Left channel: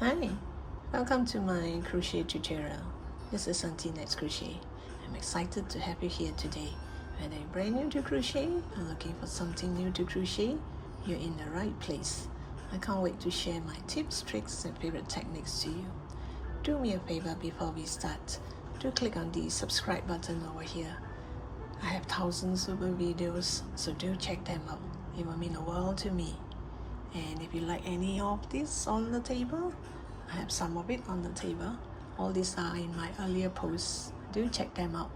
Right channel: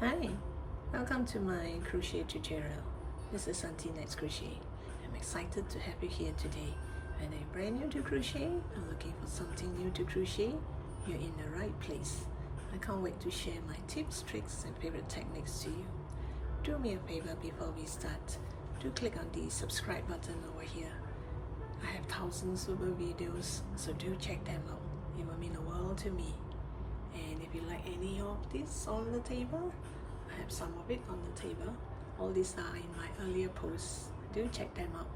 Hi, welcome to my crochet tutorial. This is Auntie Nat's Crochet. I'm excited to have you here today. Whether you're brand new to crochet or looking for something new to crochet, you're in the right place. I can't wait to share my tips, tricks, and favorite techniques to you. Do me a favor before we start. Do click on the subscribe button over here. I have thousands of videos, so do check them out. It will mean the world to me. And if you like any of this on the table, I have some of it on the table. All these are in my earlier posts. Do check them out.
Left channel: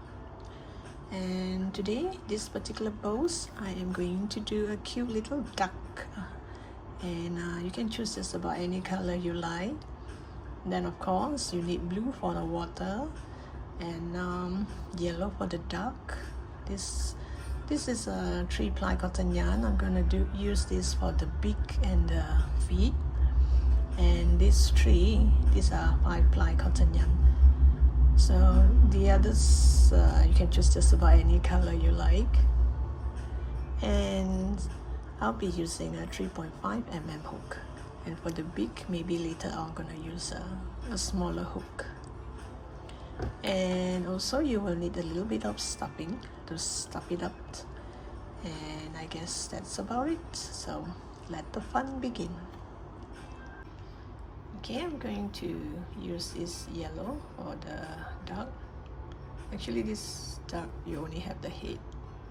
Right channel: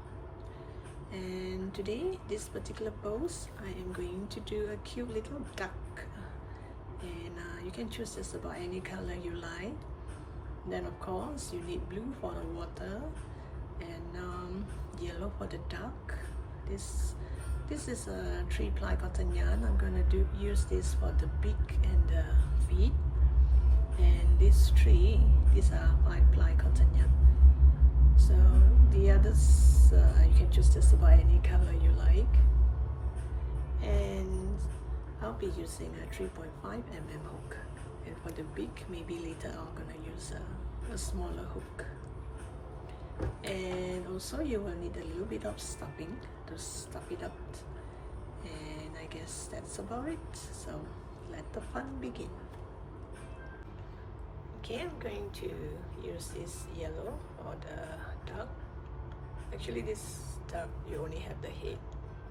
And today, this particular post, I am going to do a cute little duck. And you can choose just about any color you like. Then of course, you need blue for the water and yellow for the duck. This is a 3-ply cotton yarn. I'm going to use this for the beak and the feet. And these are 5-ply cotton yarn. So the others, you can choose just about any color you like. And I'll be using a 3.5mm hook. And for the beak, maybe later I'm going to use a smaller hook. And also you will need a little bit of stuffing to stuff it up, and I guess that's about it. So let the fun begin. Okay, I'm going to use this yellow for the duck. Actually, this duck you only have the head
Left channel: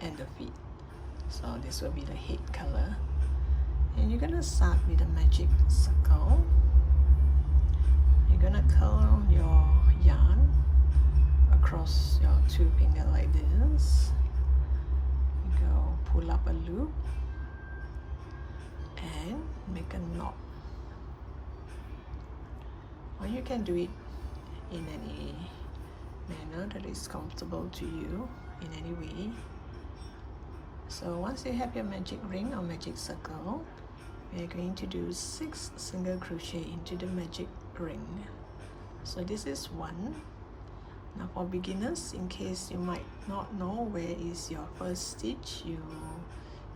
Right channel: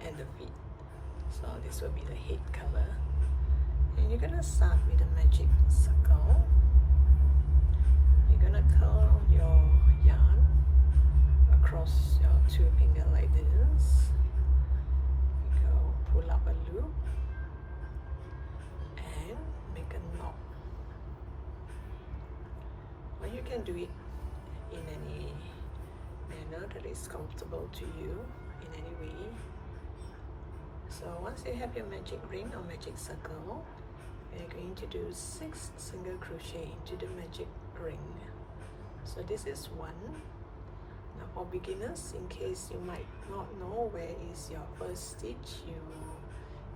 and the feet, so this will be the head color. And you're gonna start with a magic circle. You're gonna curl your yarn across your 2 fingers like this. You go pull up a loop and make a knot. Or you can do it in any manner that is comfortable to you, in any way. So once you have your magic ring or magic circle, we're going to do 6 single crochet into the magic ring. So this is 1. Now for beginners, in case you might not know where is your first stitch,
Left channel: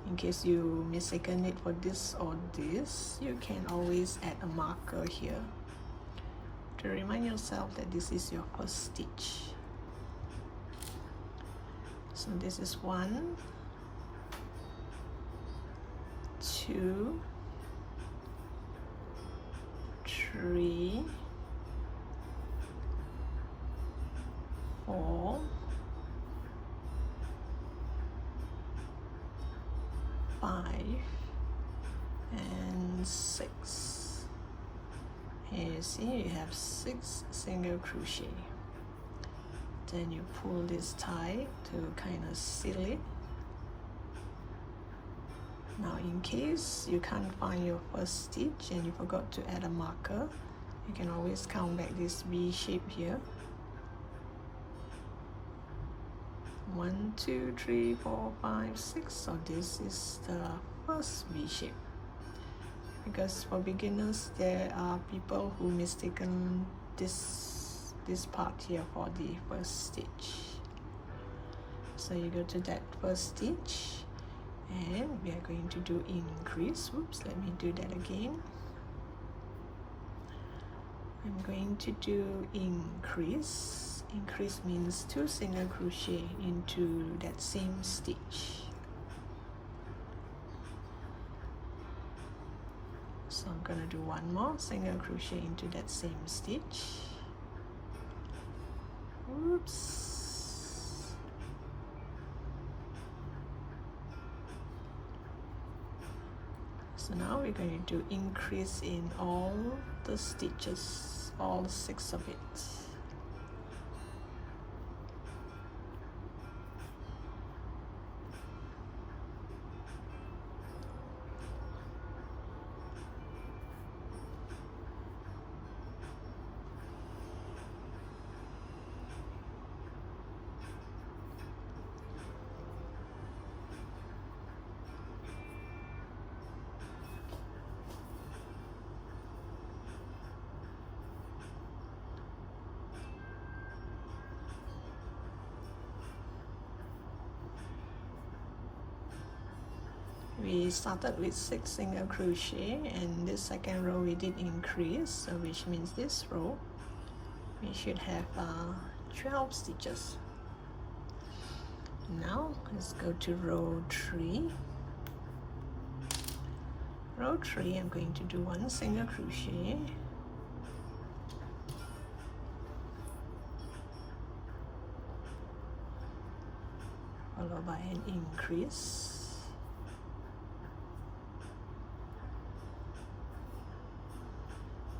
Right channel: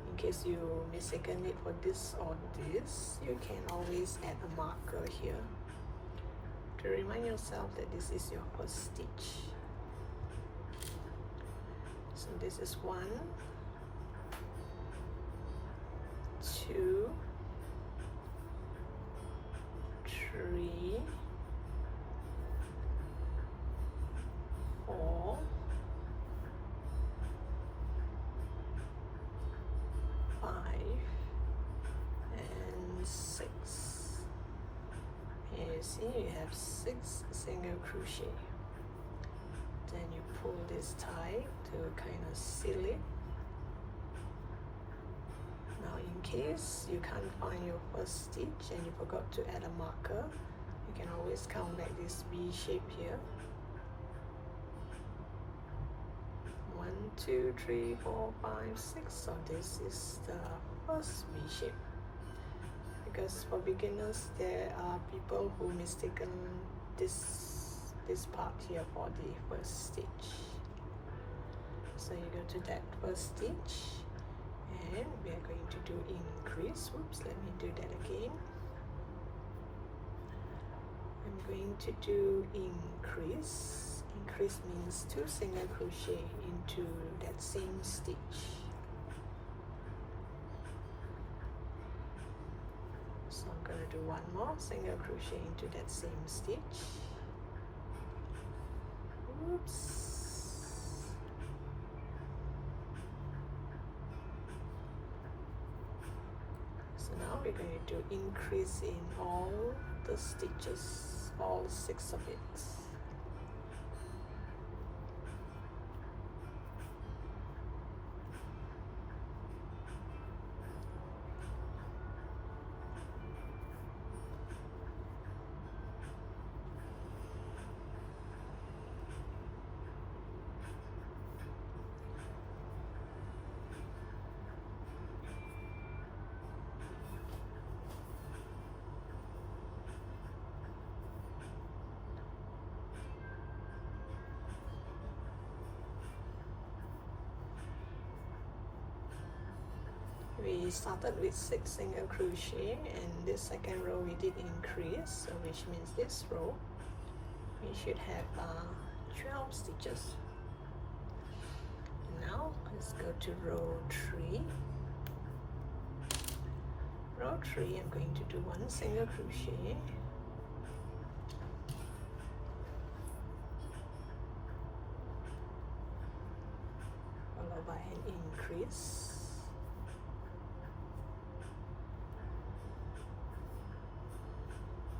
in case you mistaken it for this or this, you can always add a marker here to remind yourself that this is your first stitch. So this is 1, 2, 3, 4, 5, and 6. And you see you have 6 single crochet. Then you pull this tie to kind of seal it. Now in case you can't find your first stitch and you forgot to add a marker, you can always count back this V shape here. 1, 2, 3, 4, 5, 6. So this is the first V shape. Because for beginners, there are people who mistaken this part here for the first stitch. So you go to that first stitch, and we are going to do increase. Oops, let me do that again. I'm going to do increase. Increase means 2 single crochet into that same stitch. So I'm going to do 1 more single crochet into that same stitch. Oops. So now we're going to do increase in all the stitches, all 6 of it. we started with 6 single crochet, and this second row we did increase, so which means this row we should have 12 stitches. Now let's go to row 3. Row 3, I'm going to do 1 single crochet, followed by an increase,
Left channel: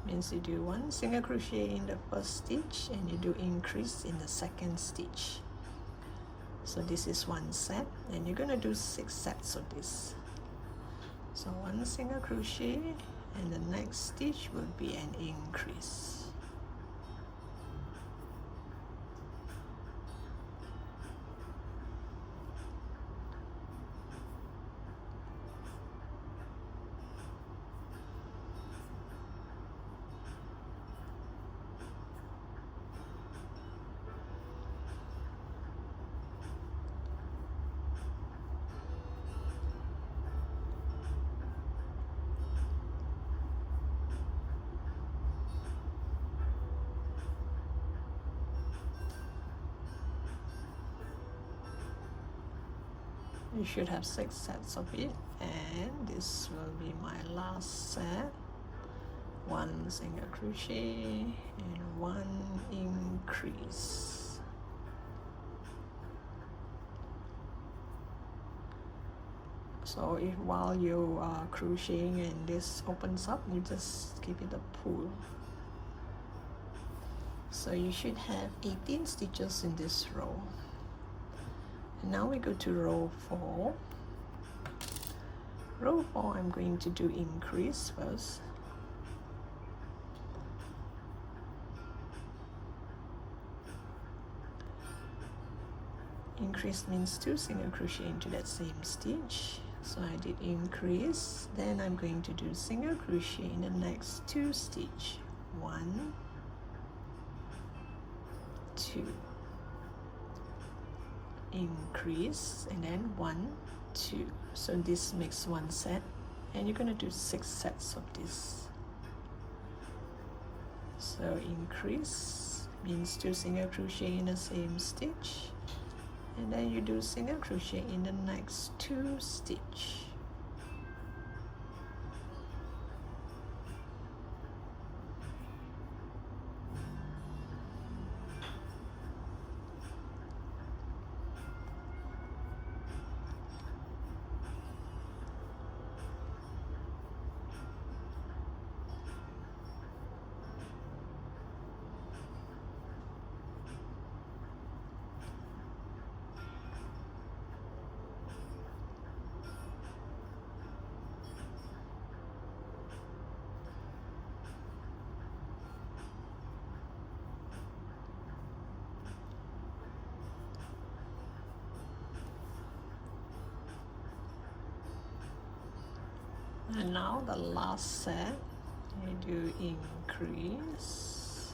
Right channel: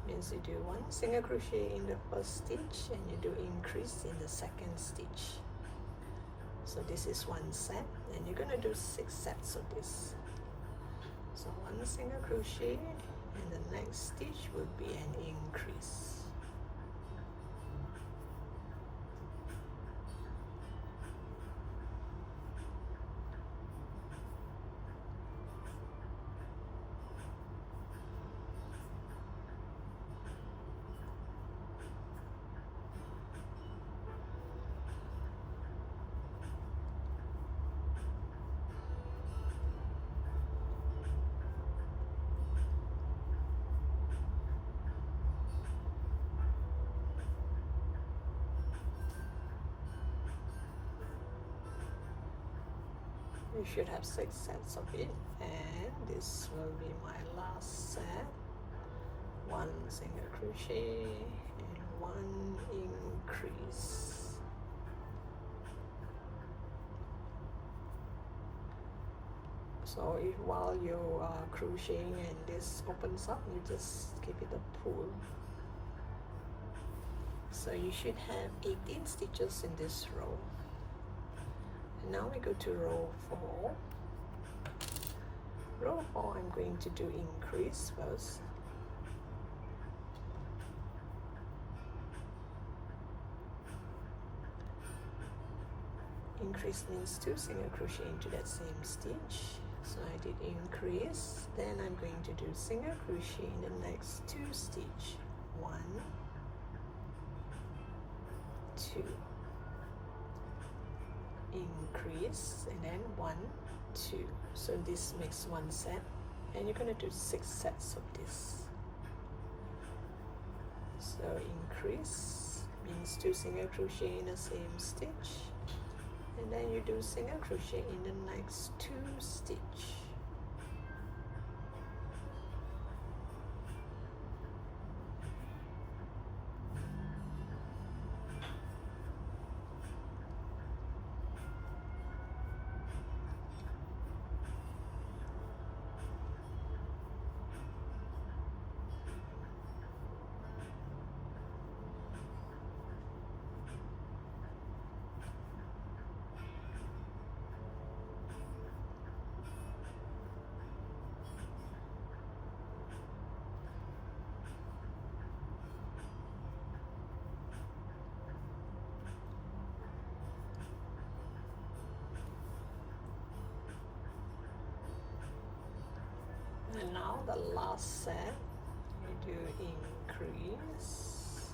means you do 1 single crochet in the first stitch and you do increase in the second stitch. So this is 1 set, and you're gonna do 6 sets of this. So 1 single crochet, and the next stitch would be an increase. You should have 6 sets of it, and this will be my last set. 1 single crochet and 1 increase. So if while you are crocheting and this opens up, you just give it a pull. So you should have 18 stitches in this row. Now we go to row 4. Row 4, I'm going to do increase first. Increase means 2 single crochet into that same stitch. So I did increase, then I'm going to do single crochet in the next 2 stitch. 1, 2. Increase, and then 1, 2. So this makes 1 set, and you're going to do 6 sets of this. So increase means 2 single crochet in the same stitch, and then you do single crochet in the next 2 stitch. And now the last set, you do increase,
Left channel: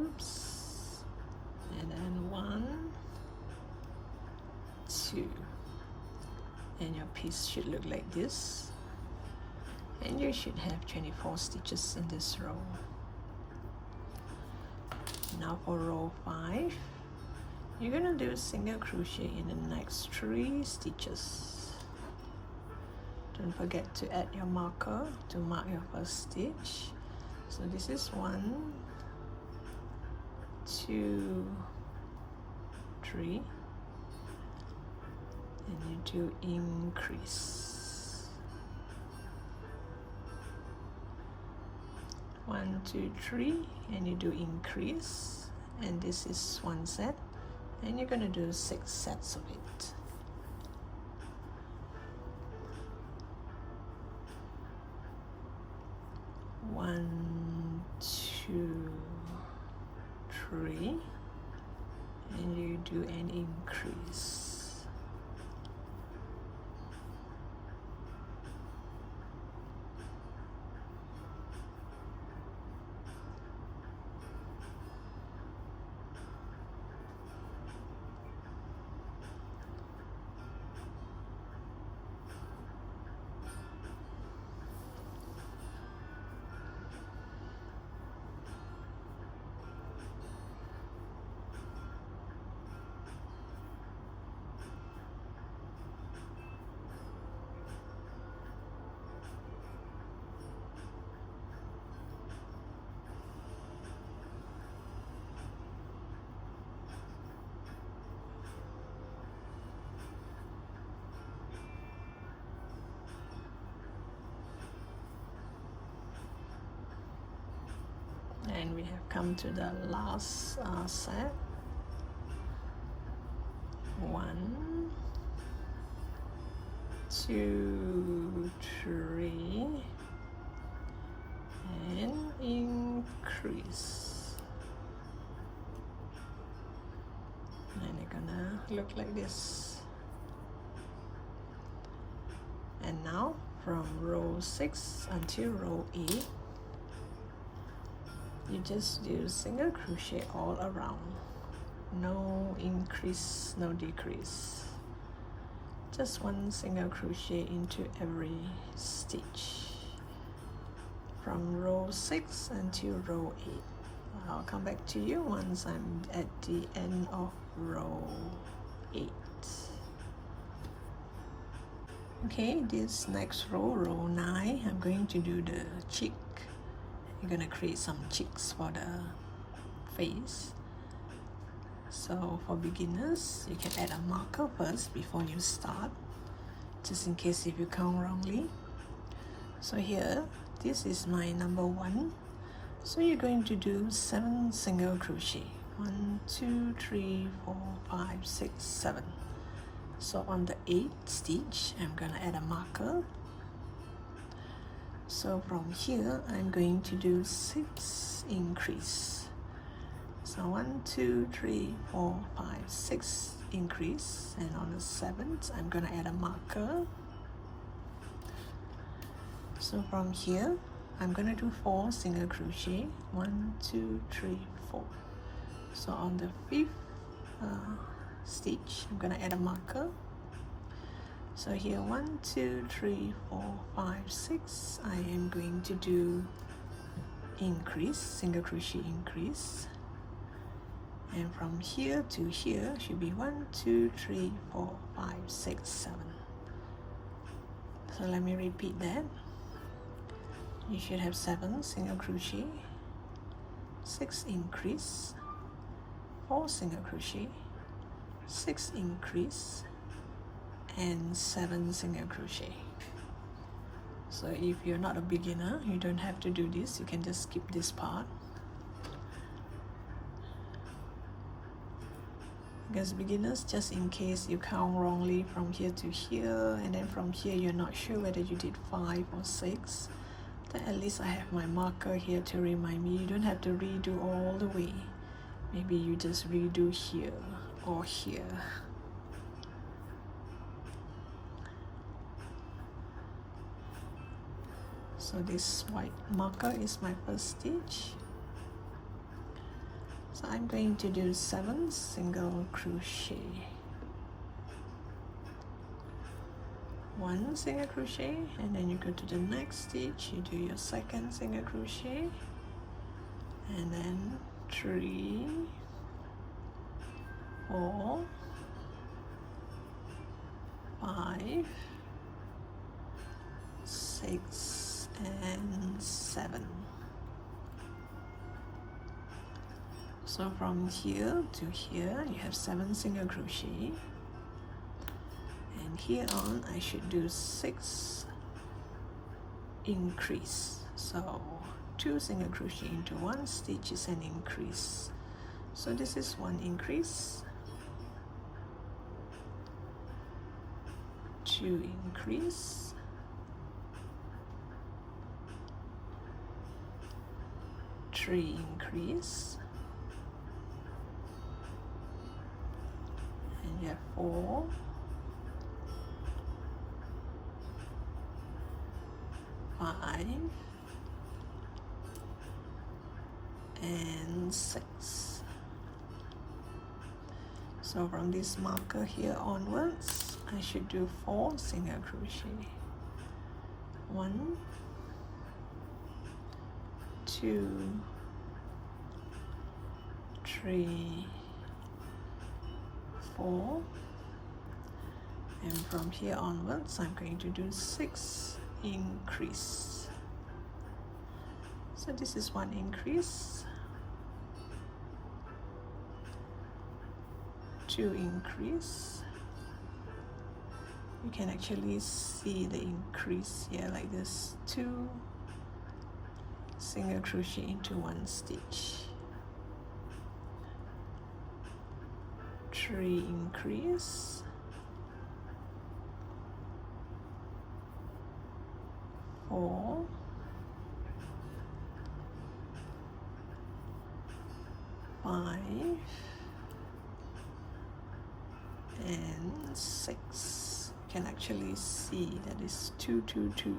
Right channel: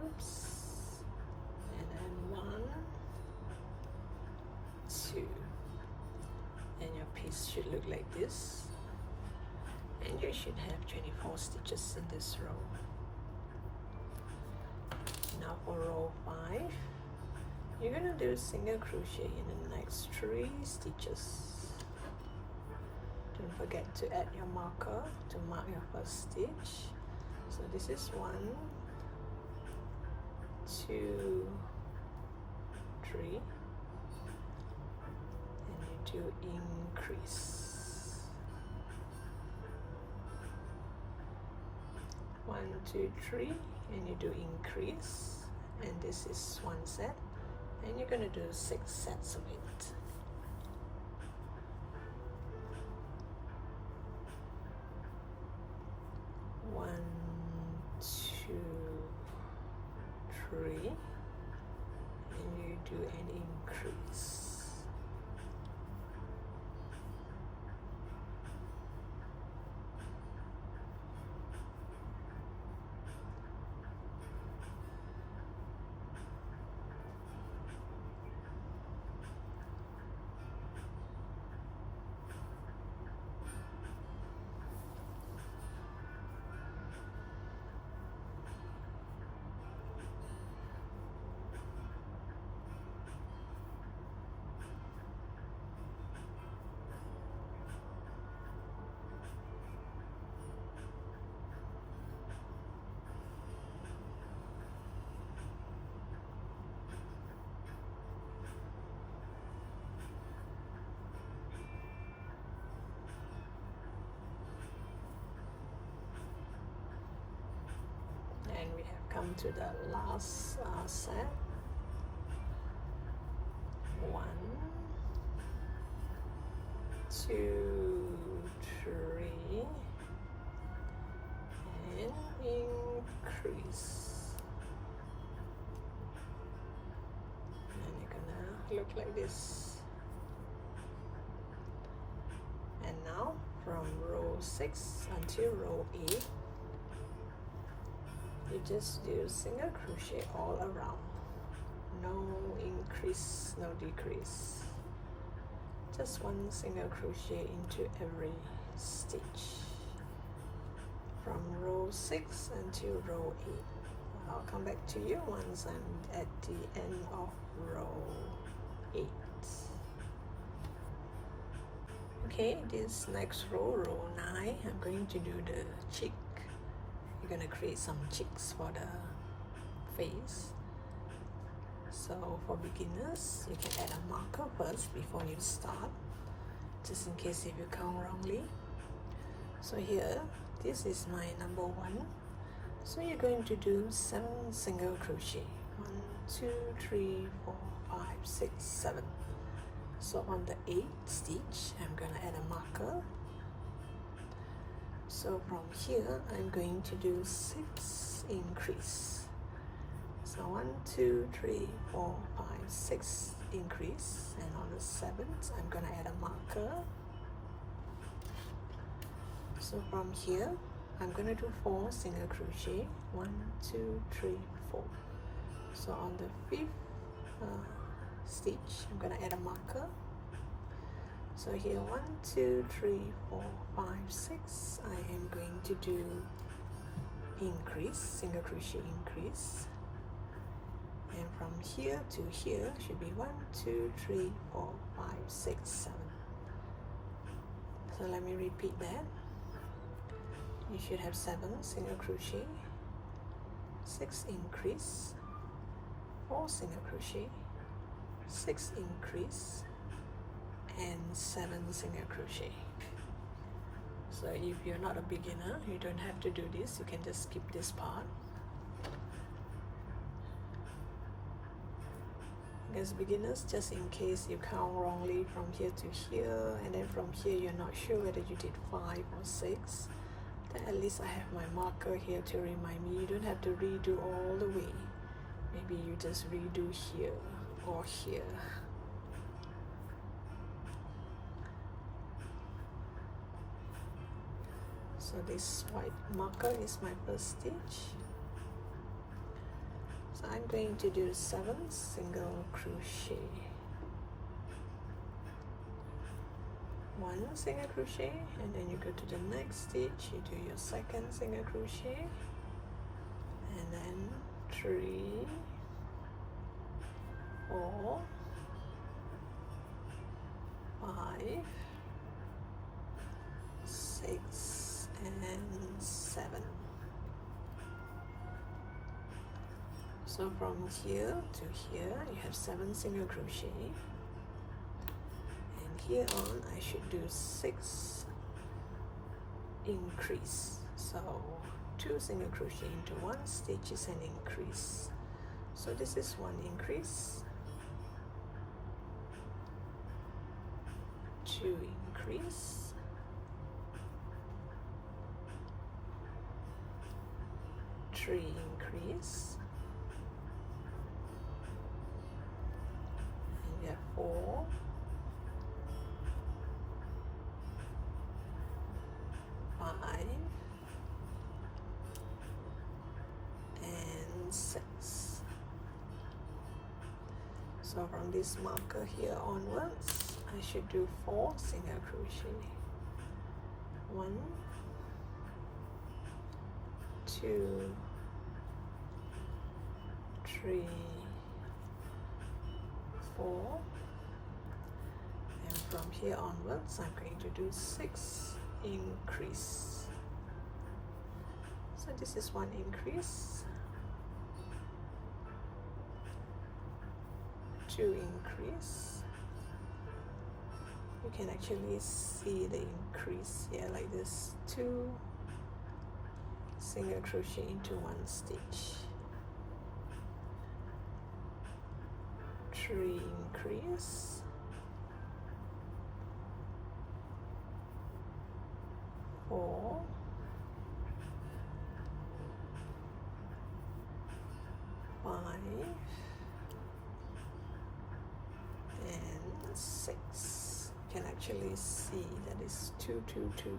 oops, and then 1, 2, and your piece should look like this, and you should have 24 stitches in this row. Now for row 5, you're gonna do single crochet in the next 3 stitches. Don't forget to add your marker to mark your first stitch. So this is 1, 2, 3, and you do increase. 1, 2, 3, and you do increase, and this is 1 set, and you're going to do 6 sets of it. 1, 2, 3, and you do an increase. come to the last set. 1, 2, 3, and increase. And it's gonna look like this. And now from row 6 until row 8, you just do single crochet all around. No increase, no decrease. Just one single crochet into every stitch from row 6 until row 8. I'll come back to you once I'm at the end of row 8. Okay, this next row, row 9, I'm going to do the cheek. You're gonna create some cheeks for the face. So for beginners, you can add a marker first before you start, just in case if you count wrongly. So here, this is my number 1. So you're going to do 7 single crochet. 1, 2, 3, 4, 5, 6, 7. So on the 8th stitch, I'm gonna add a marker. So from here, I'm going to do 6 increase. So 1, 2, 3, 4, 5, 6 increase, and on the 7th, I'm gonna add a marker. So from here, I'm gonna do 4 single crochet. 1, 2, 3, 4. So on the 5th stitch, I'm gonna add a marker. So here 1, 2, 3, 4, 5, 6. I am going to do increase, single crochet increase, and from here to here should be 1, 2, 3, 4, 5, 6, 7. So let me repeat that. You should have 7 single crochet, 6 increase, 4 single crochet, 6 increase, and 7 single crochet. So if you're not a beginner, you don't have to do this. You can just skip this part, because beginners, just in case you count wrongly from here to here, and then from here you're not sure whether you did 5 or 6, then at least I have my marker here to remind me. You don't have to redo all the way. Maybe you just redo here or here. So this white marker is my first stitch. So I'm going to do 7 single crochet. 1 single crochet, and then you go to the next stitch, you do your 2nd single crochet, and then 3, 4, 5, 6, and 7. So from here to here, you have 7 single crochet, and here on I should do 6 increase. So 2 single crochet into 1 stitch is an increase. So this is 1 increase, 2 increase, 3 increase, and you have 4, 5, and 6. So from this marker here onwards, I should do 4 single crochet. 1, 2, 3, 4, and from here onwards I'm going to do 6 increase. So this is 1 increase, 2 increase. You can actually see the increase here like this, 2 single crochet into 1 stitch, 3 increase, 4, 5, and 6. You can actually see that it's 2, 2, 2.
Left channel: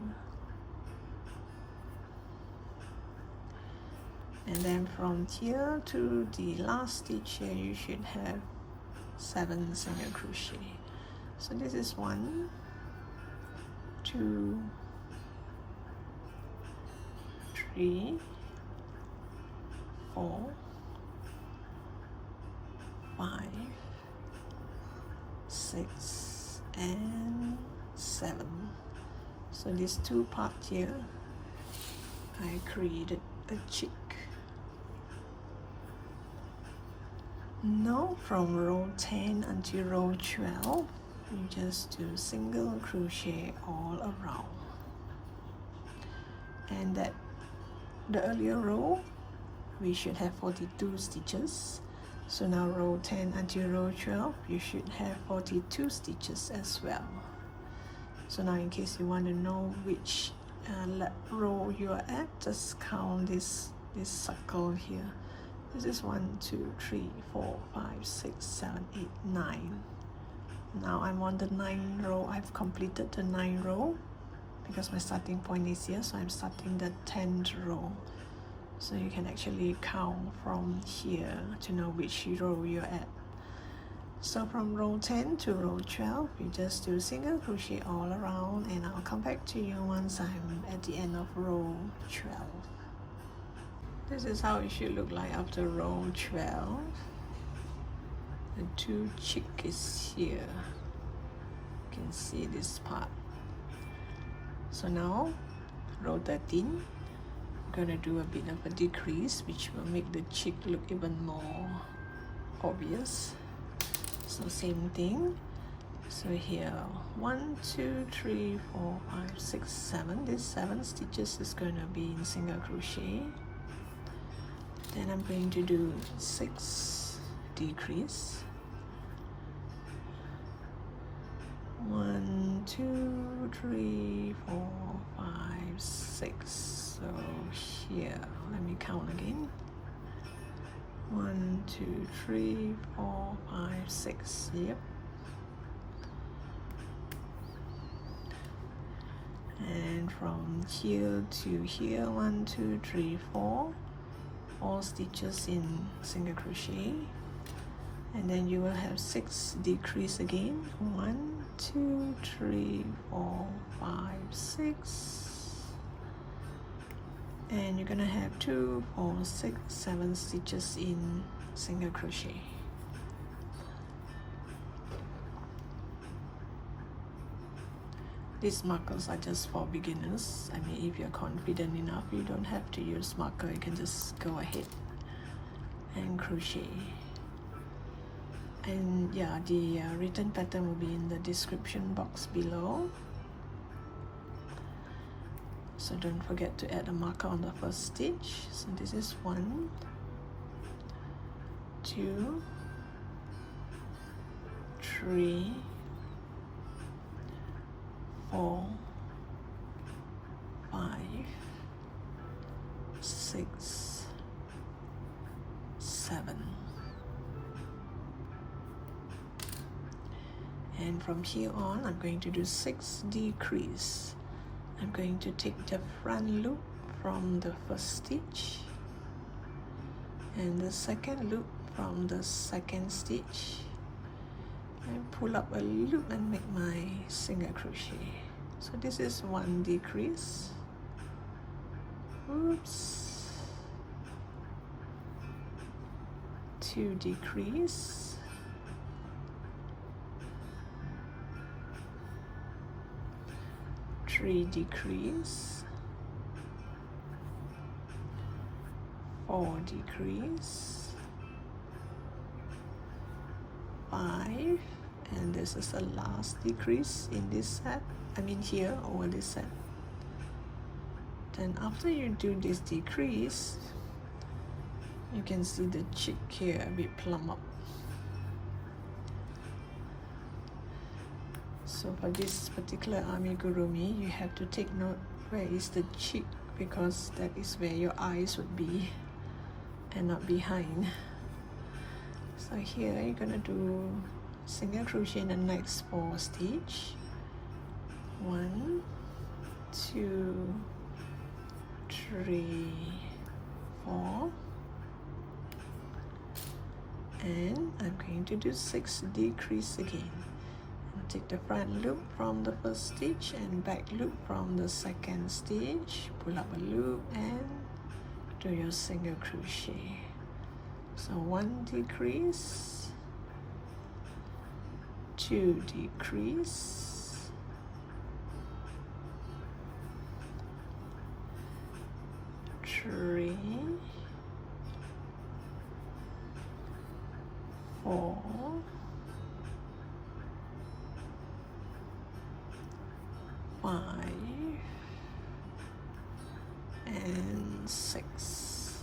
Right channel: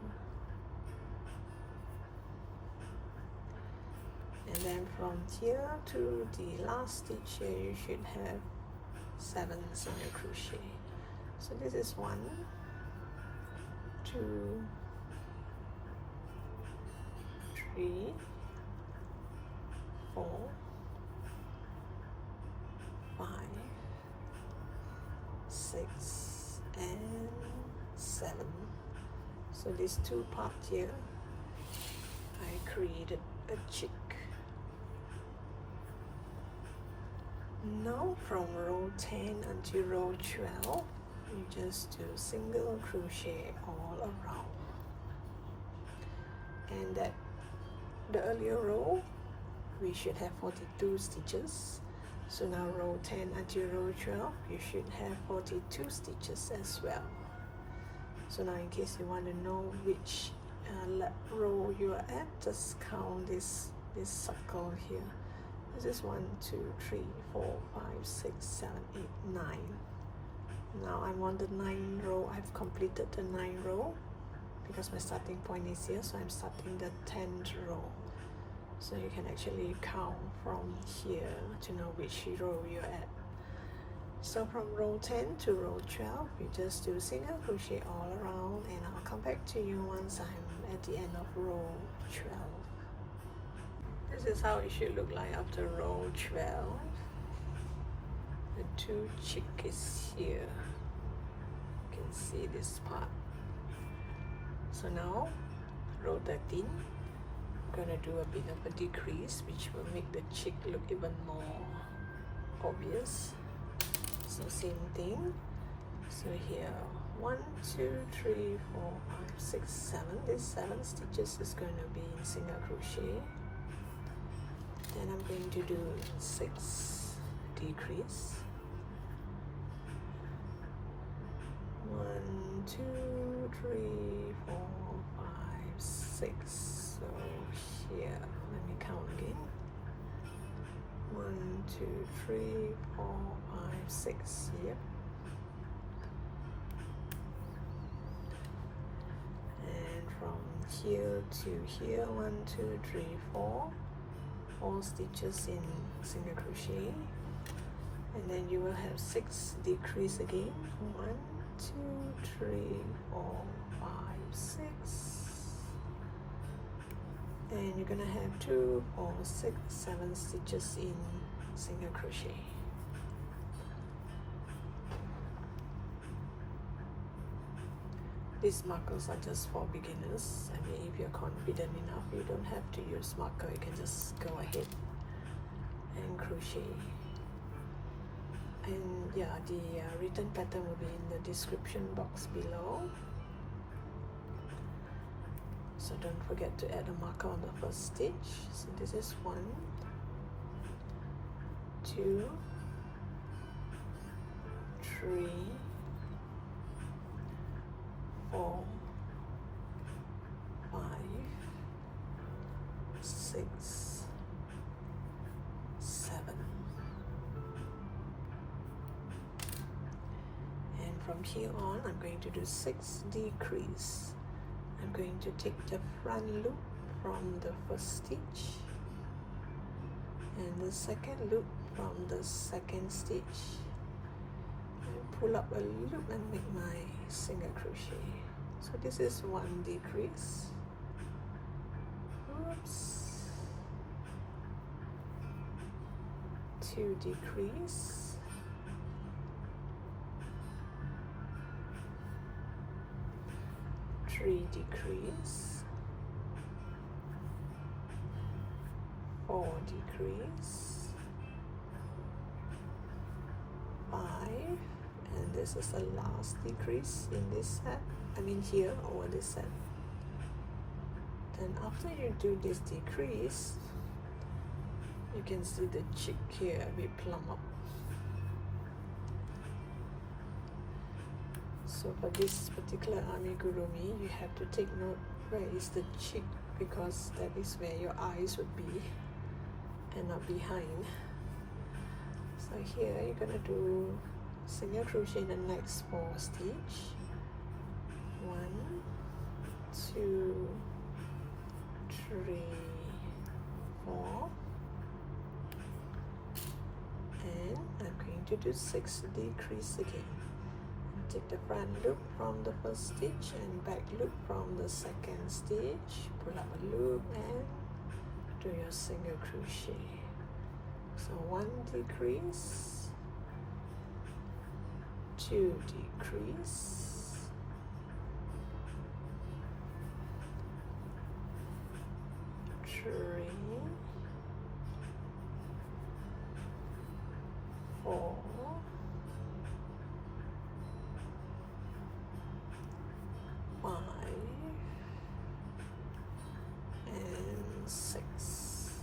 And then from here to the last stitch here, you should have 7 single crochet. So this is 1, 2, 3, 4, 5, 6, and 7. So these 2 parts here, I created a chick. Now from row 10 until row 12, you just do single crochet all around. And that the earlier row, we should have 42 stitches. So now row 10 until row 12, you should have 42 stitches as well. So now in case you want to know which row you are at, just count this circle here. This is 1, 2, 3, 4, 5, 6, 7, 8, 9. Now I'm on the 9th row. I've completed the 9th row because my starting point is here, so I'm starting the 10th row. So you can actually count from here to know which row you're at. So from row 10 to row 12, you just do single crochet all around, and I'll come back to you once I'm at the end of row 12. This is how it should look like after row 12. The 2 chick is here. You can see this part. So now, row 13, I'm going to do a bit of a decrease, which will make the chick look even more obvious. So same thing. So here, 1, 2, 3, 4, 5, 6, 7. These 7 stitches is going to be in single crochet. Then I'm going to do 6 decrease. 1, 2, 3, 4, 5, 6. So here, let me count again. 1, 2, 3, 4, 5, 6. Yep. And from here to here, 1, 2, 3, 4. 4 stitches in single crochet, and then you will have 6 decrease again. 1, 2, 3, 4, 5, 6, and you're gonna have 2, 4, 6, 7 stitches in single crochet. These markers are just for beginners. I mean, if you're confident enough, you don't have to use marker. You can just go ahead and crochet. And yeah, the written pattern will be in the description box below. So don't forget to add a marker on the first stitch. So this is 1, 2, 3, 4, 5, 6, 7. And from here on, I'm going to do 6 decrease. I'm going to take the front loop from the first stitch and the second loop from the second stitch, and pull up a loop and make my single crochet. So this is 1 decrease. Oops. 2 decrease. 3 decrease. 4 decrease. 5. And this is the last decrease in this set. I mean here over this set. Then after you do this decrease, you can see the chick here a bit plump up. So for this particular amigurumi, you have to take note where is the cheek, because that is where your eyes would be and not behind. So here you're gonna do single crochet in the next 4 stitch. 1, 2, 3, 4, and I'm going to do 6 decrease again. Take the front loop from the first stitch and back loop from the second stitch, pull up a loop and do your single crochet. So 1 decrease, 2 decrease, 3, 4, 5, and 6.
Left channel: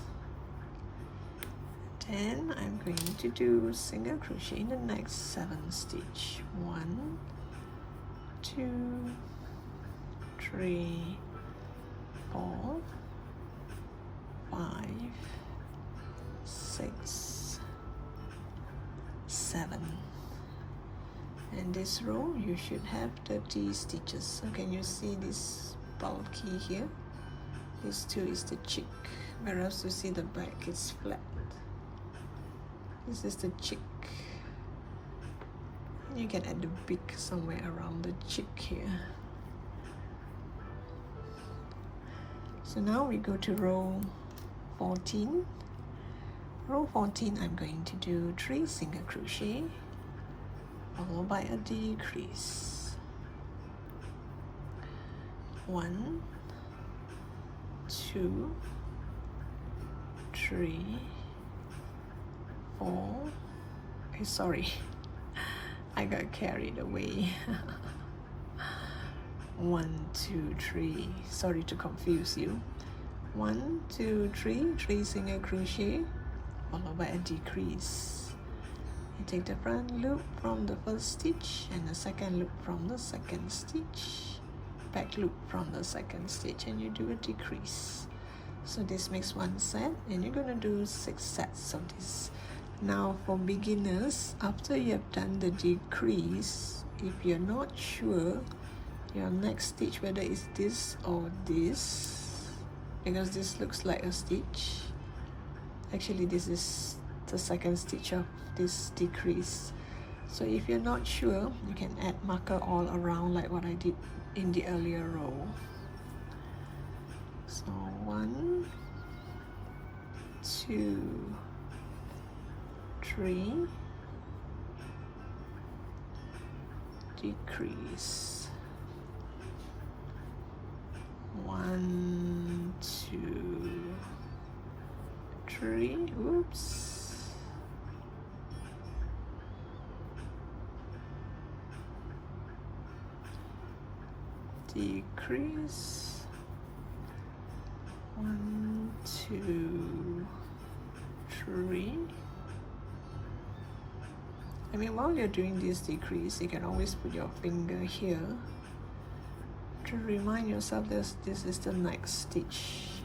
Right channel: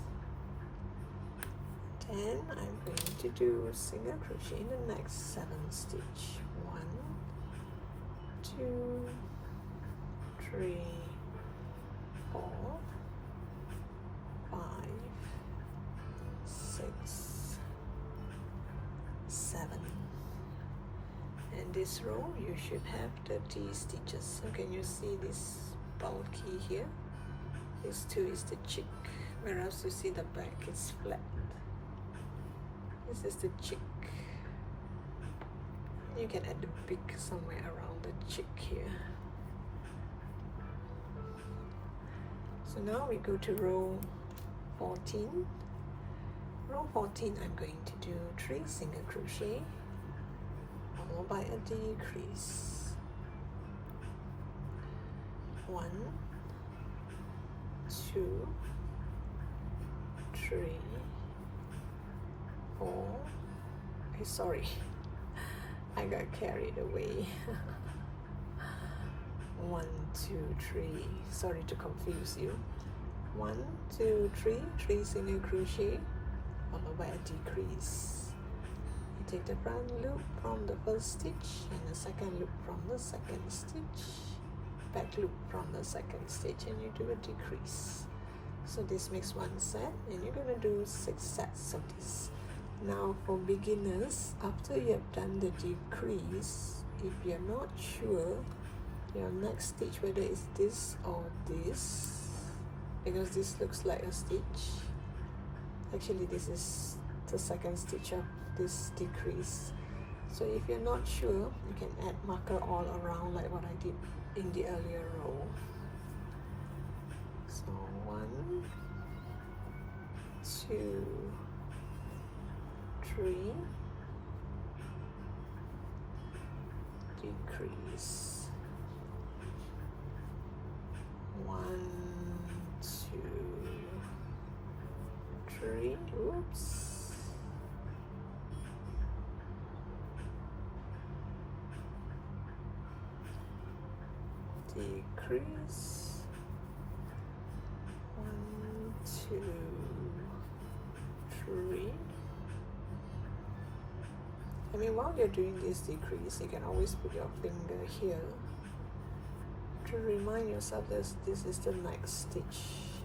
Then I'm going to do single crochet in the next 7 stitch. 1, 2, 3, 4, 5, 6, 7. In this row you should have 30 stitches. So can you see this bulky here? This 2 is the cheek, whereas you see the back is flat. This is the cheek. You can add the beak somewhere around the cheek here. So now we go to row 14. Row 14, I'm going to do 3 single crochet followed by a decrease. 1, 2, 3, 4. Okay, sorry, I got carried away. 1, 2, 3. Sorry to confuse you. 1, 2, 3. 3 single crochet followed by a decrease. You take the front loop from the first stitch and the second loop from the second stitch, back loop from the second stitch, and you do a decrease. So this makes 1 set, and you're gonna do 6 sets of this. Now for beginners, after you have done the decrease, if you're not sure your next stitch whether it's this or this, because this looks like a stitch, actually this is the second stitch of this decrease. So if you're not sure, you can add marker all around like what I did in the earlier row. So 1, 2, 3, decrease, 1, 2, 3, oops, decrease, 1, 2, 3. I mean, while you're doing this decrease, you can always put your finger here to remind yourself that this is the next stitch.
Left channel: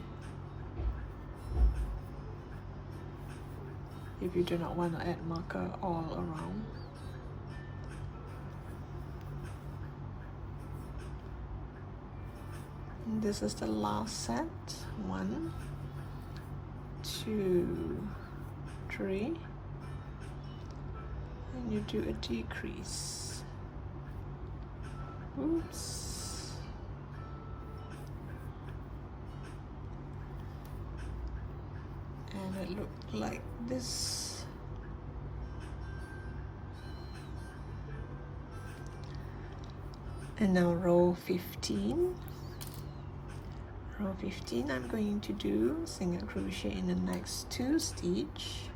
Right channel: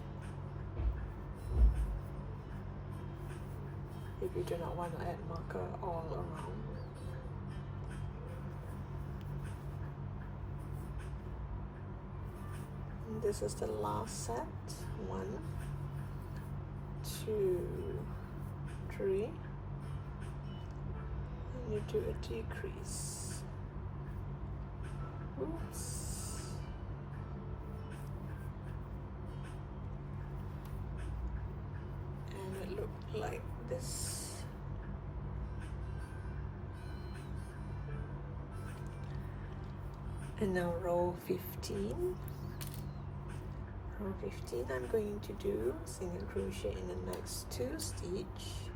If you do not want to add marker all around. And this is the last set. 1, 2, 3. You do a decrease. Oops. And it looked like this. And now row 15. Row 15, I'm going to do single crochet in the next 2 stitch.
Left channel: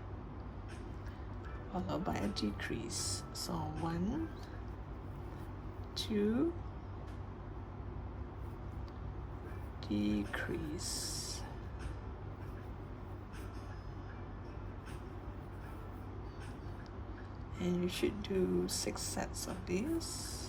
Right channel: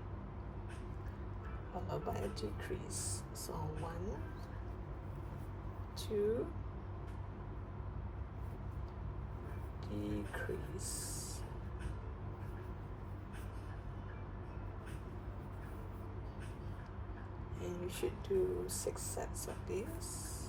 Followed by a decrease. So 1, 2, decrease, and you should do 6 sets of this.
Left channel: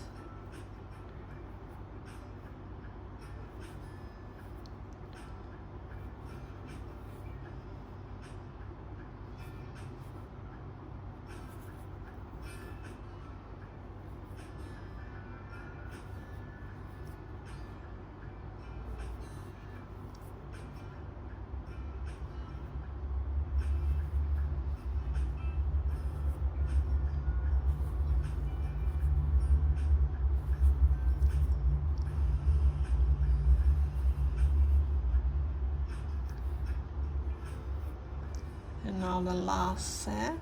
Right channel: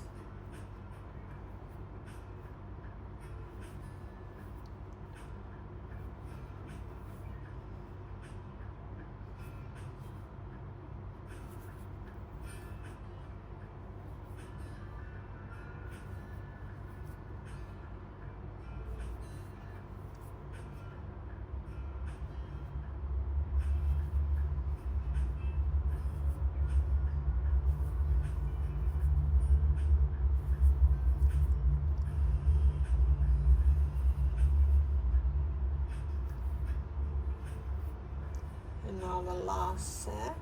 now the last set.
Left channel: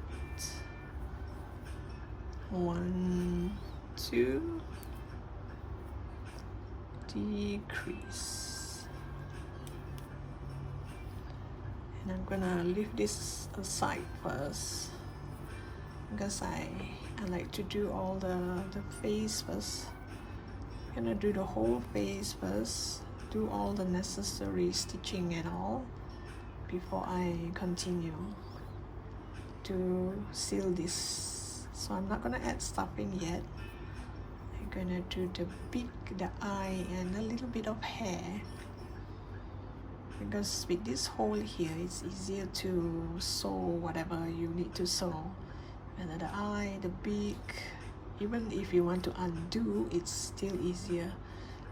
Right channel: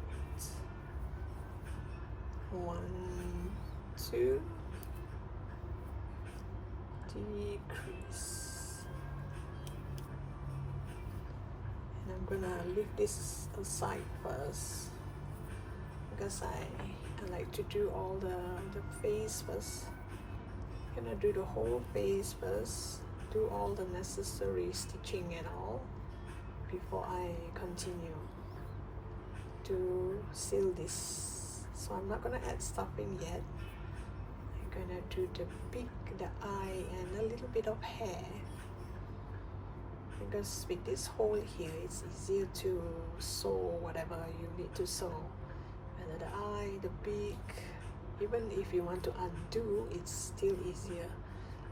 1, 2, decrease, and I'm gonna leave this aside first because I like to do all the face first. I'm gonna do the whole face first, do all the necessary stitching and all before I continue to seal this. So I'm not gonna add stuffing yet. I'm gonna do the beak, the eye, and a little bit of hair, because with this hole here it's easier to sew whatever you need to sew. And the eye, the beak, even if you want to undo, it's still easier.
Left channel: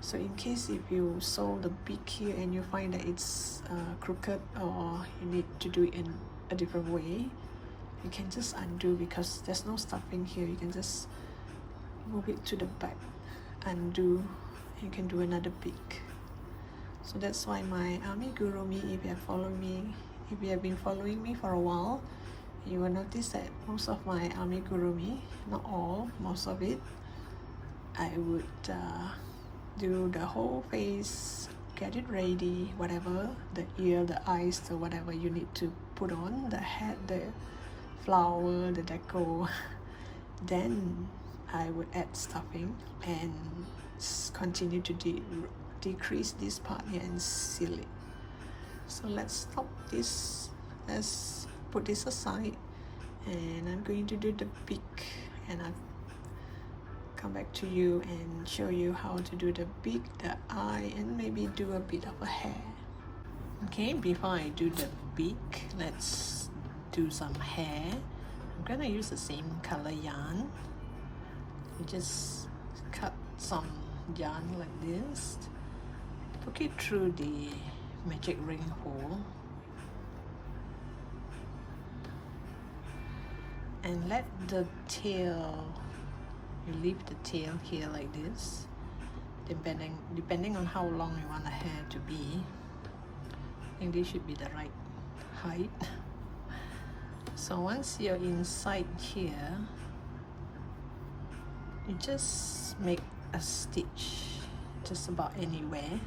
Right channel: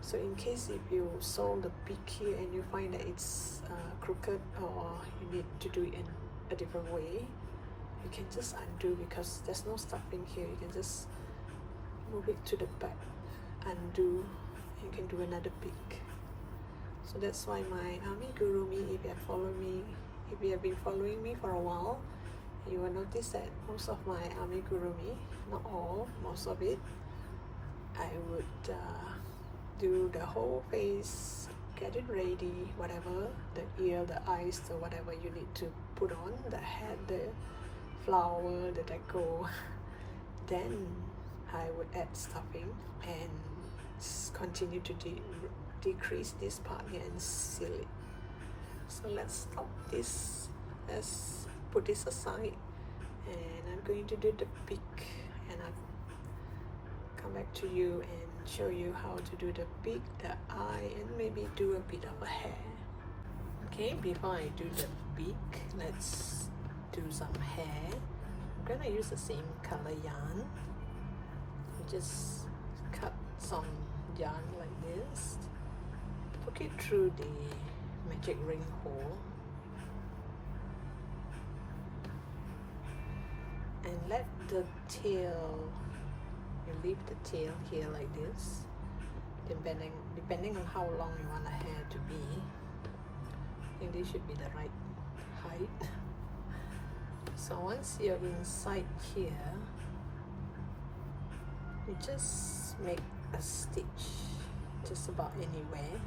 So in case if you sew the beak here and you find that it's crooked, or you need to do it in a different way, you can just undo, because there's no stuffing here. You can just move it to the back, undo, you can do another beak. So that's why my amigurumi, if you have been following me for a while, you will notice that most of my amigurumi, not all, most of it, I would do the whole face, get it ready, whatever, the ear, the eyes, the whatever you need to put on, the head, the flower, the deco. Then I would add stuffing and continue to decrease this part here and seal it. So let's stop this, let's put this aside, and I'm going to do the beak, and I'll come back to you and show you how to do the beak, the eye, and maybe do a bit of a hair. Okay, before I do the beak, let's do some hair. I'm gonna use the same color yarn. Just cut some yarn like this, poke it through the magic ring hole, and let the tail, you leave the tail here like this, depending on how long you want the hair to be. I think this should be the right height. So once you're inside here, you just make a stitch just about anywhere.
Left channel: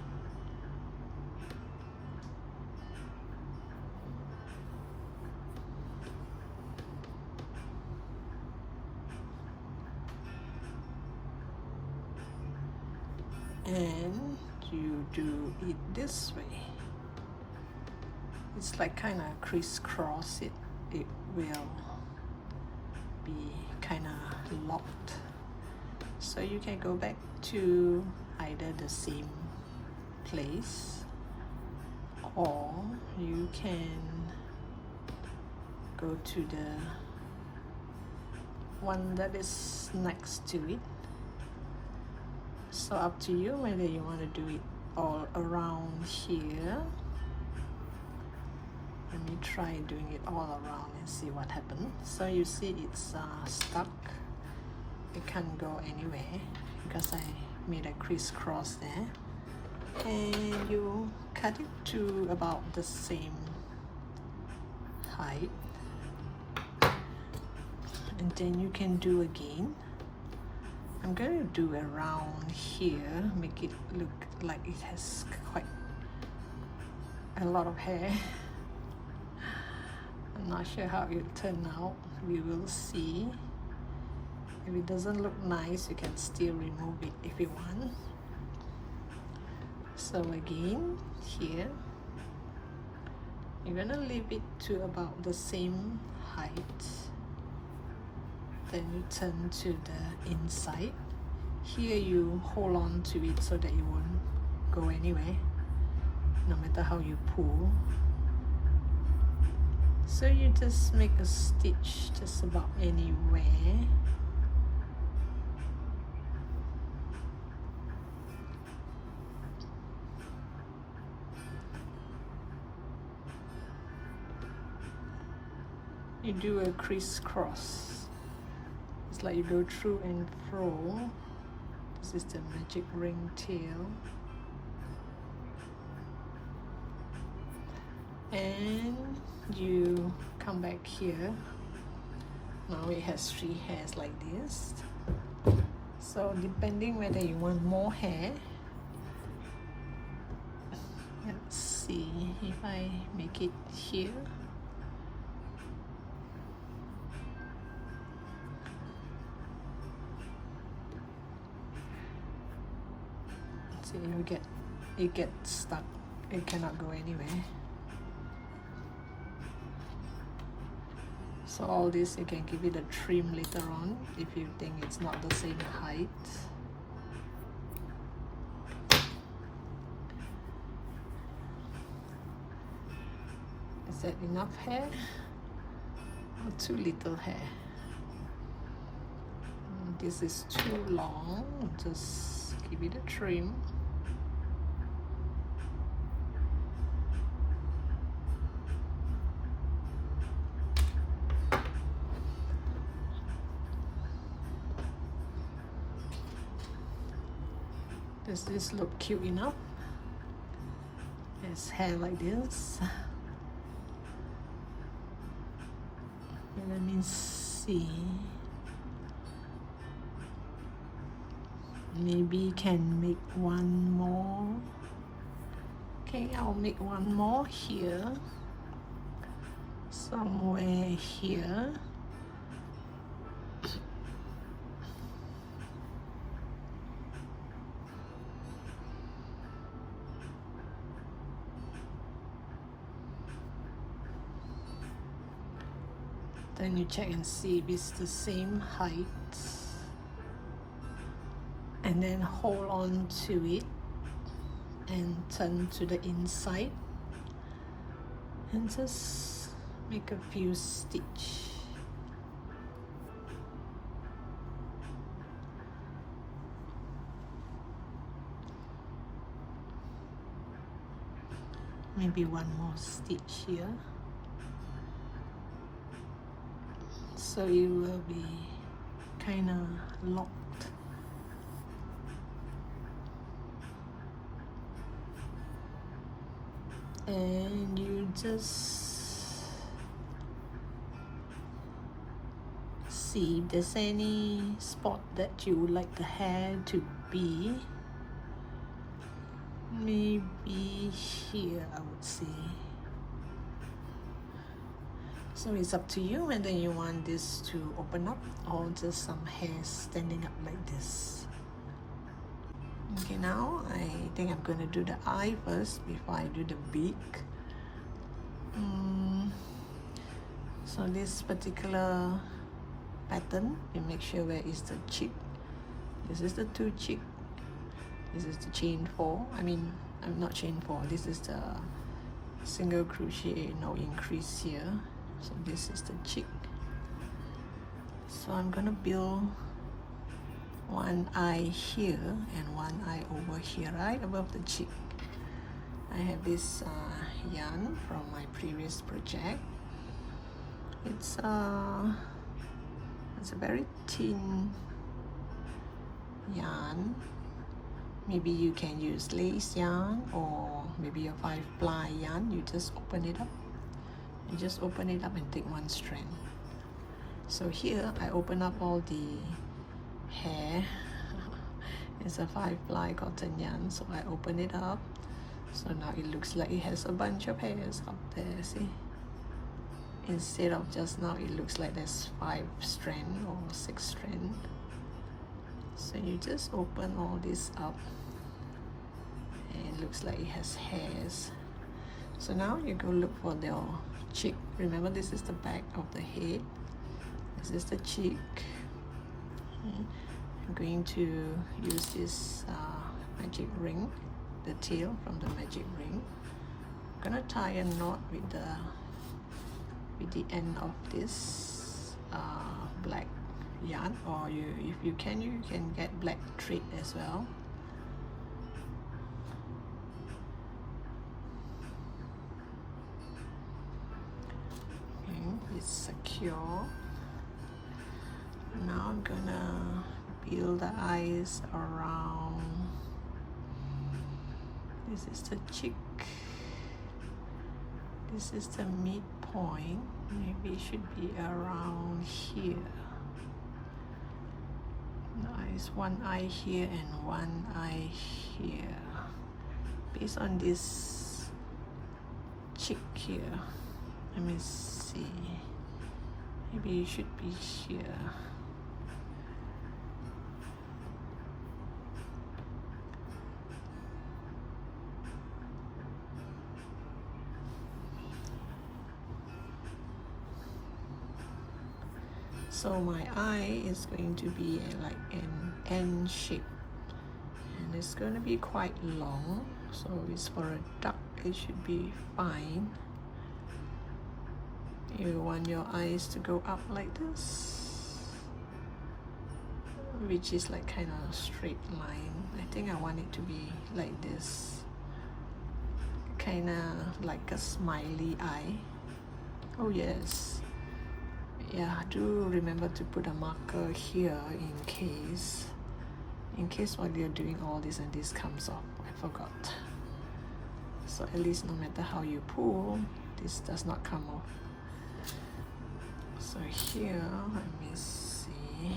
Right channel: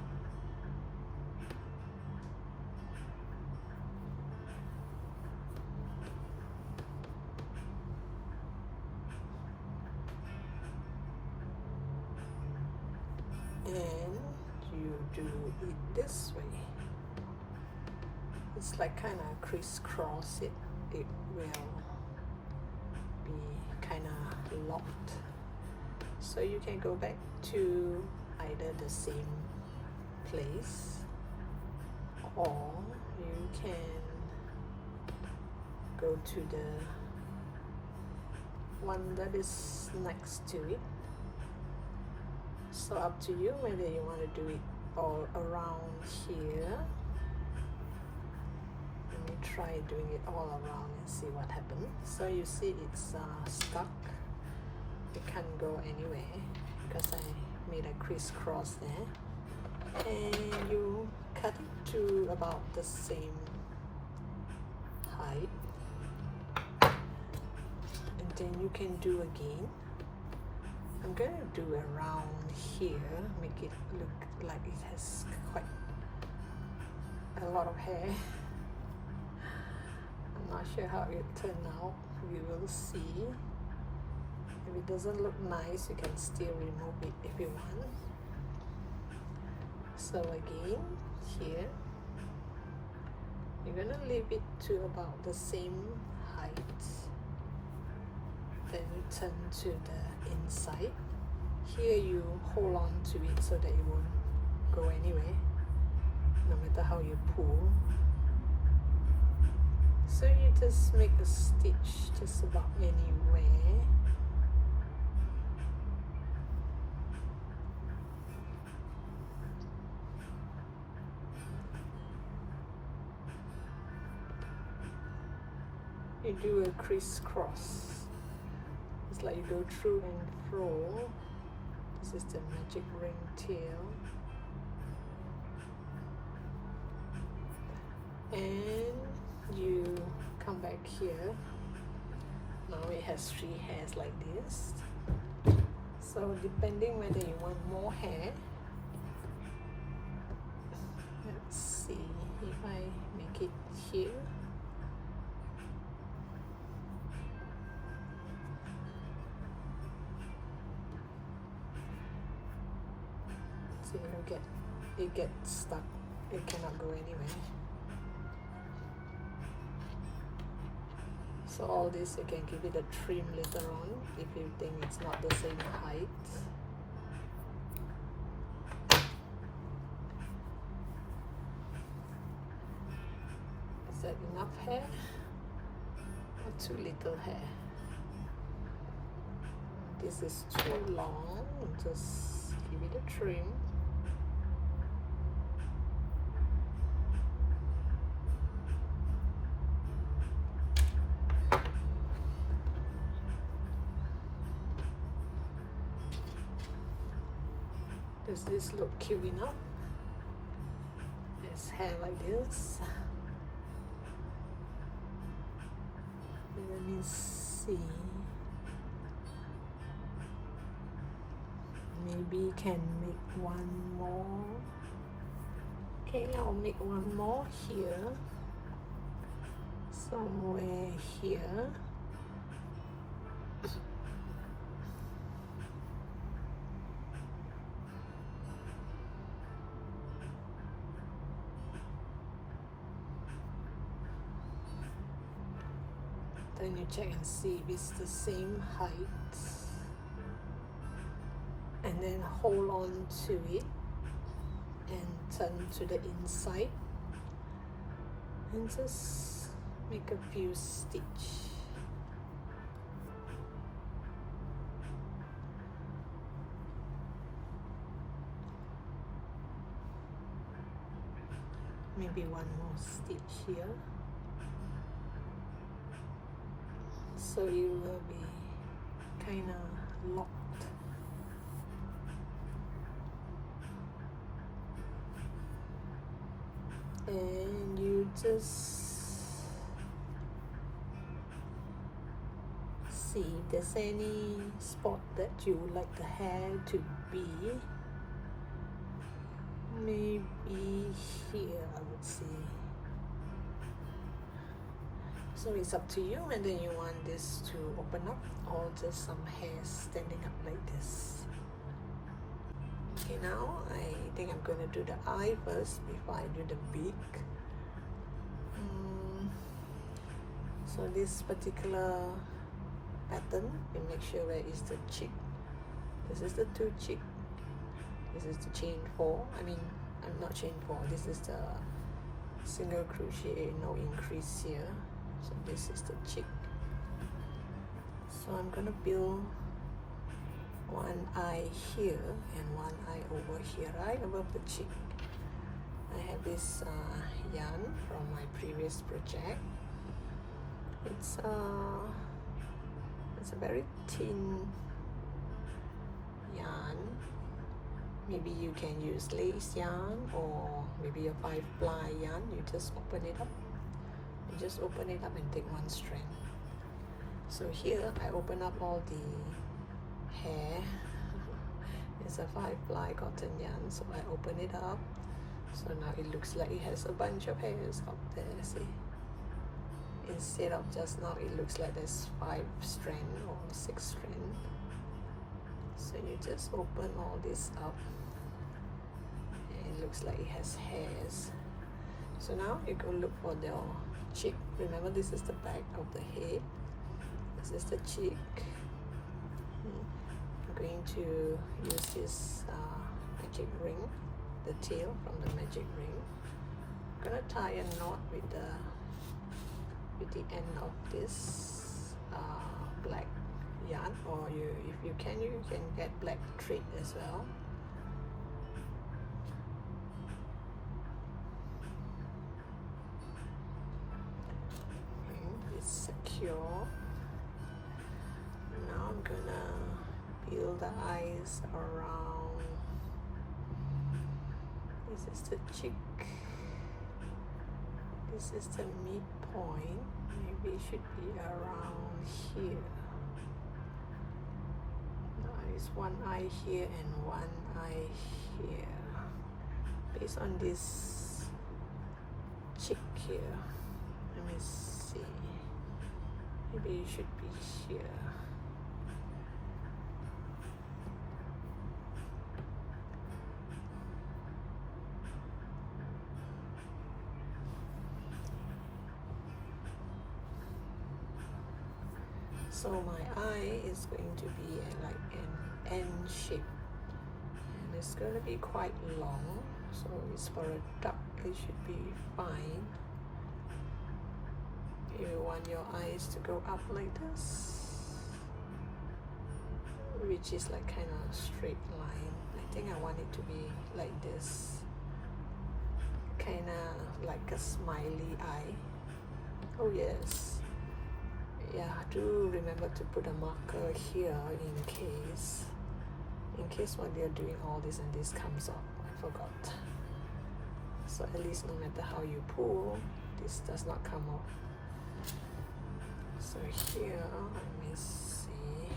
And you do it this way. It's like kind of crisscross it. It will be kind of locked. So you can go back to either the same place, or you can go to the one that is next to it. So up to you whether you want to do it all around here. Let me try doing it all around and see what happens. So you see it's stuck. It can't go anywhere because I made a crisscross there. And you cut it to about the same height. And then you can do again. I'm going to do around here, make it look like it has quite a lot of hair. I'm not sure how it will turn out. We will see. If it doesn't look nice, you can still remove it if you want. So again, here, you're gonna leave it to about the same height. Then you turn to the inside. Here you hold on to it so that it won't go anywhere, no matter how you pull. So you just make a stitch just about anywhere. You do a crisscross. It's like you go through and fro. This is the magic ring tail. And you come back here. Now it has 3 hairs like this. So depending whether you want more hair, let's see if I make it here. See, it gets stuck. It cannot go anywhere. So all this you can give it a trim later on if you think it's not the same height. Is that enough hair? Or too little hair? This is too long, just give it a trim. Does this look cute enough? It's hair like this. Let me see. Maybe can make one more. Okay, I'll make one more here. Somewhere here. Then you check and see if it's the same height, and then hold on to it and turn to the inside and just make a few stitches. Maybe one more stitch here. So you will be kind of locked. And you just see if there's any spot that you would like the hair to be. Maybe here, I would say. So it's up to you whether you want this to open up or just some hair standing up like this. Okay, now I think I'm going to do the eye first before I do the beak. So this particular pattern, you make sure where is the cheek. This is the 2 cheek. This is the chain 4. I'm not chain 4. This is the single crochet, no increase here. So this is the cheek. So I'm gonna build one eye here and one eye over here, right above the cheek. I have this yarn from my previous project. It's a very thin yarn. Maybe you can use lace yarn or maybe a 5-ply yarn. You just open it up. You just open it up and take one strand. So here I open up all the hair. It's a 5-ply cotton yarn, so I open it up. So now it looks like it has a bunch of hairs up there, see? Instead of just now, it looks like there's 5 strands or 6 strands. So you just open all this up. And it looks like it has hairs. So now you go look for the cheek. Remember, this is the back of the head. This is the cheek. I'm going to use this magic ring, the tail from the magic ring. I'm gonna tie a knot with the end of this black yarn, or if you can get black thread as well. It's secure. Now I'm gonna build the eyes around. This is the cheek. This is the midpoint. Maybe it should be around here. There's one eye here and one eye here. Based on this cheek here, let me see. Maybe it should be here. So my eye is going to be like an N shape, and it's going to be quite long. So it's for a duck, it should be fine. You want your eyes to go up like this, which is like kind of a straight line. I think I want it to be like this, kind of like a smiley eye. Oh yes. Yeah, do remember to put a marker here in case while you're doing all this and this comes off. I forgot. So at least no matter how you pull, this does not come off. So here, let me see.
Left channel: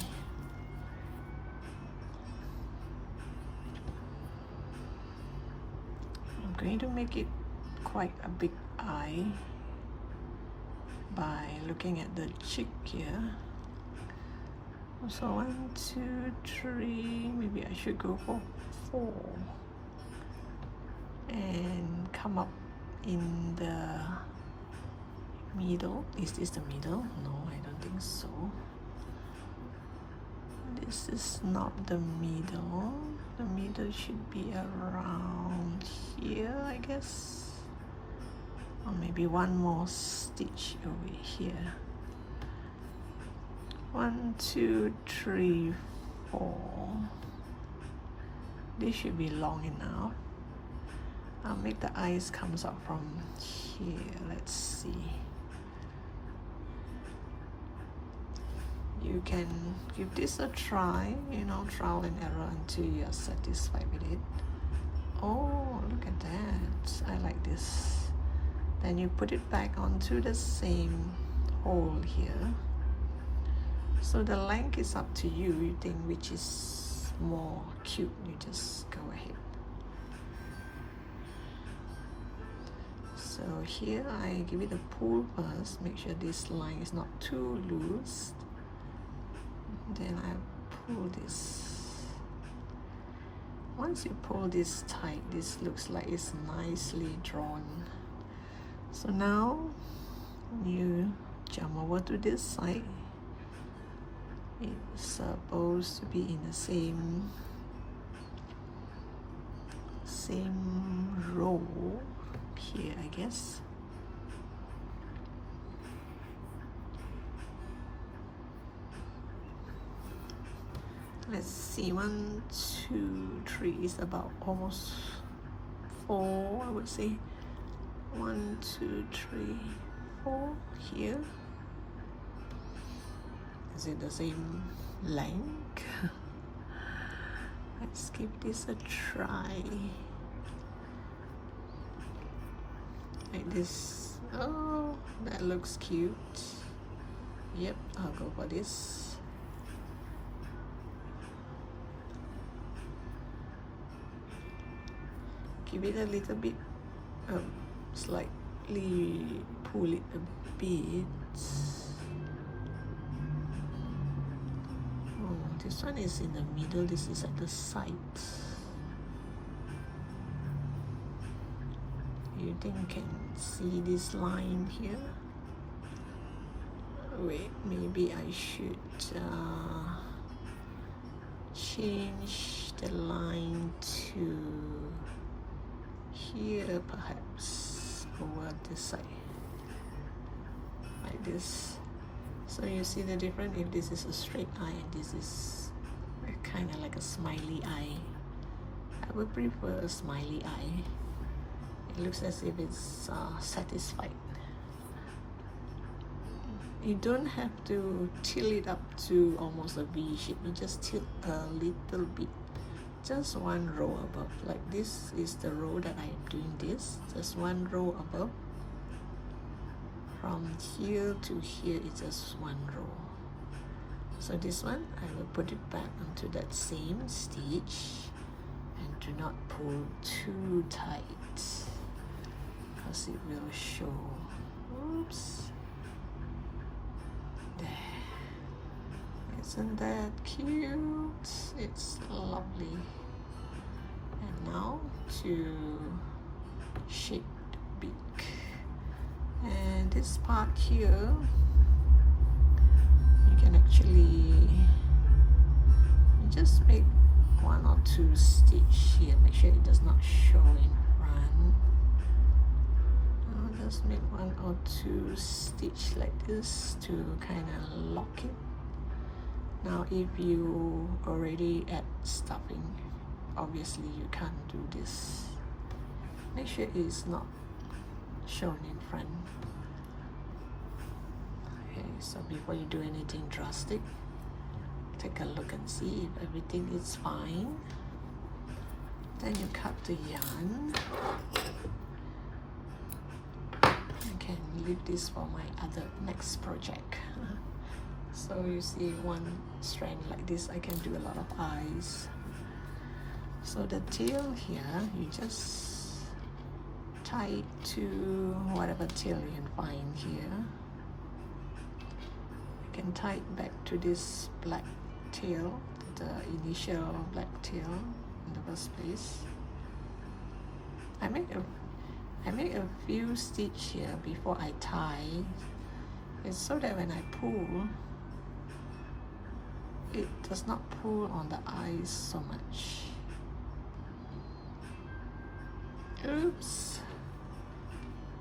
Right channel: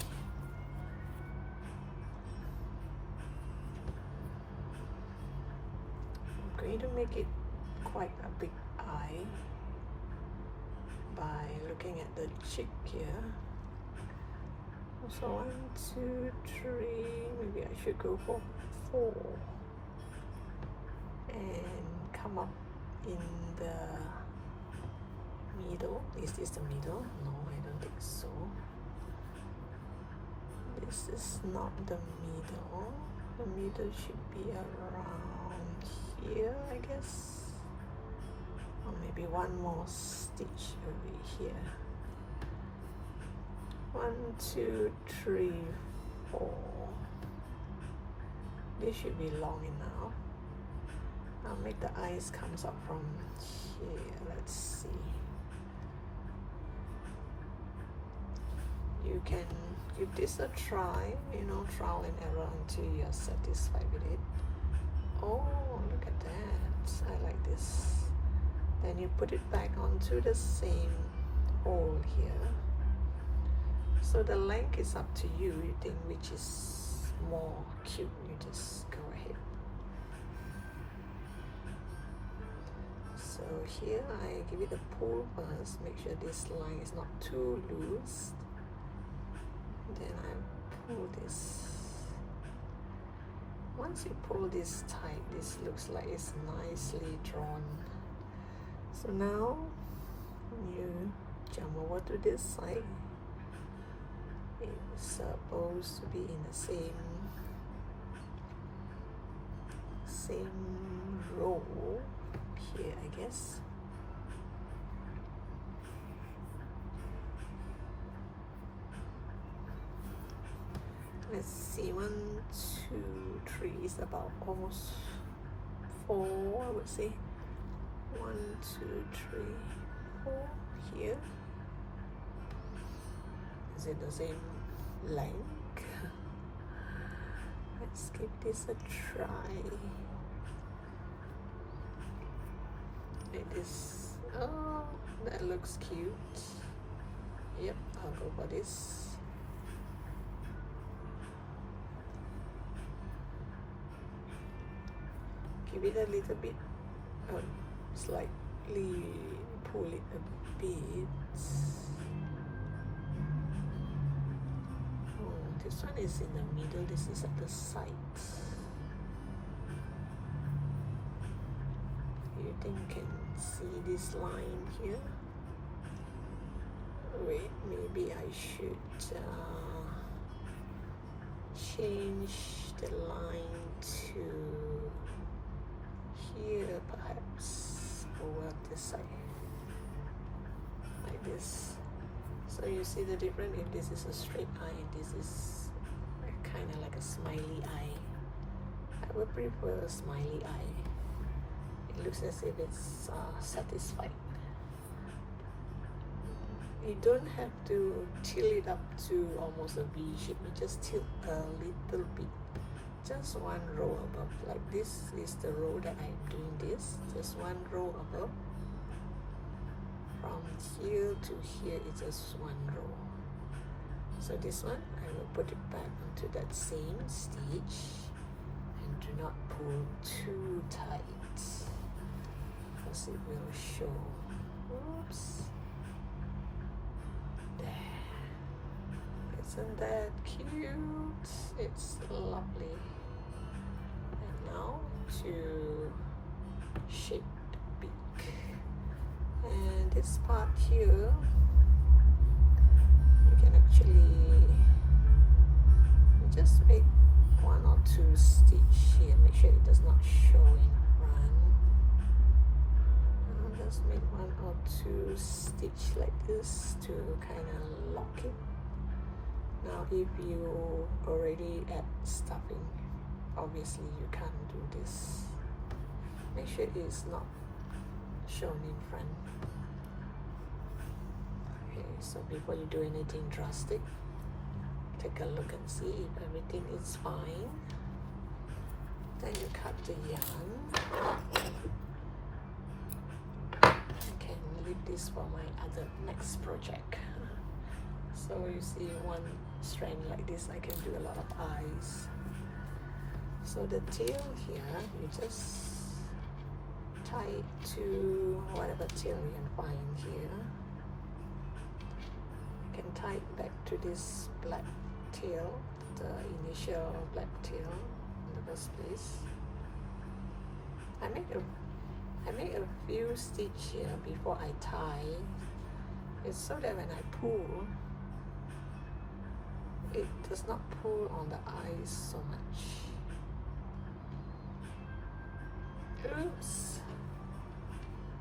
I'm going to make it quite a big eye by looking at the cheek here. So 1, 2, 3, maybe I should go for 4 and come up in the middle. Is this the middle? No, I don't think so. This is not the middle. The middle should be around here, I guess. Or maybe one more stitch over here. 1, 2, 3, 4. This should be long enough. I'll make the eyes comes up from here. Let's see. You can give this a try, trial and error until you're satisfied with it. Oh, look at that. I like this. Then you put it back onto the same hole here. So the length is up to you. You think which is more cute, you just go ahead. So here I give it a pull first. Make sure this line is not too loose. Then I pull this. Once you pull this tight, this looks like it's nicely drawn. So now you jump over to this side. It's supposed to be in the same row here, I guess. Let's see, 1, 2, 3 is about almost 4, I would say. 1, 2, 3, 4 here. Is it the same length? Let's give this a try. Like this. Oh, that looks cute. Yep, I'll go for this. Give it a little bit, slightly pull it a bit. This one is in the middle, this is at the side. You think you can see this line here? Wait, maybe I should change the line to here, perhaps over this side, like this. So you see the difference if this is a straight eye and this is kind of like a smiley eye. I would prefer a smiley eye. It looks as if it's satisfied. You don't have to tilt it up to almost a V shape. You just tilt a little bit, just one row above. Like this is the row that I'm doing this. Just one row above. here to here is just one row. So this one I will put it back into that same stitch and do not pull too tight because it will show. Oops. There. Isn't that cute? It's lovely. And now to shape the beak. And this part here, you can actually just make one or two stitch here. Make sure it does not show in front. Just make one or two stitch like this to kind of lock it. Now if you already add stuffing, obviously you can't do this. Make sure it's not shown in front. Okay, so before you do anything drastic, take a look and see if everything is fine. Then you cut the yarn. I can leave this for my other next project. So you see one strand like this, I can do a lot of eyes. So the tail here, you just tie it to whatever tail you can find here. You can tie it back to this black tail, the initial black tail in the first place. I make a few stitches here before I tie. It's so that when I pull, it does not pull on the eyes so much. Oops.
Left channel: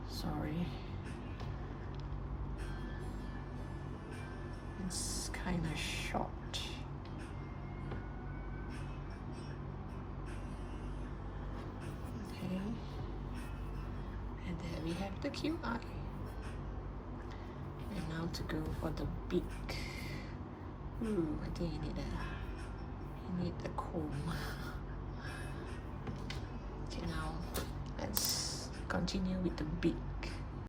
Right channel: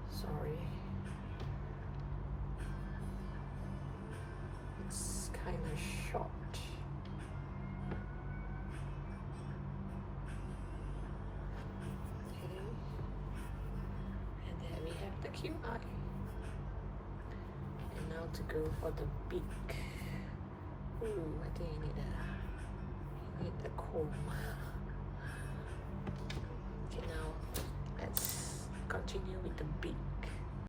Sorry. It's kind of short. Okay. And there we have the cute eye. And now to go for the beak. Ooh, I think I need the comb. Okay, now let's continue with the beak.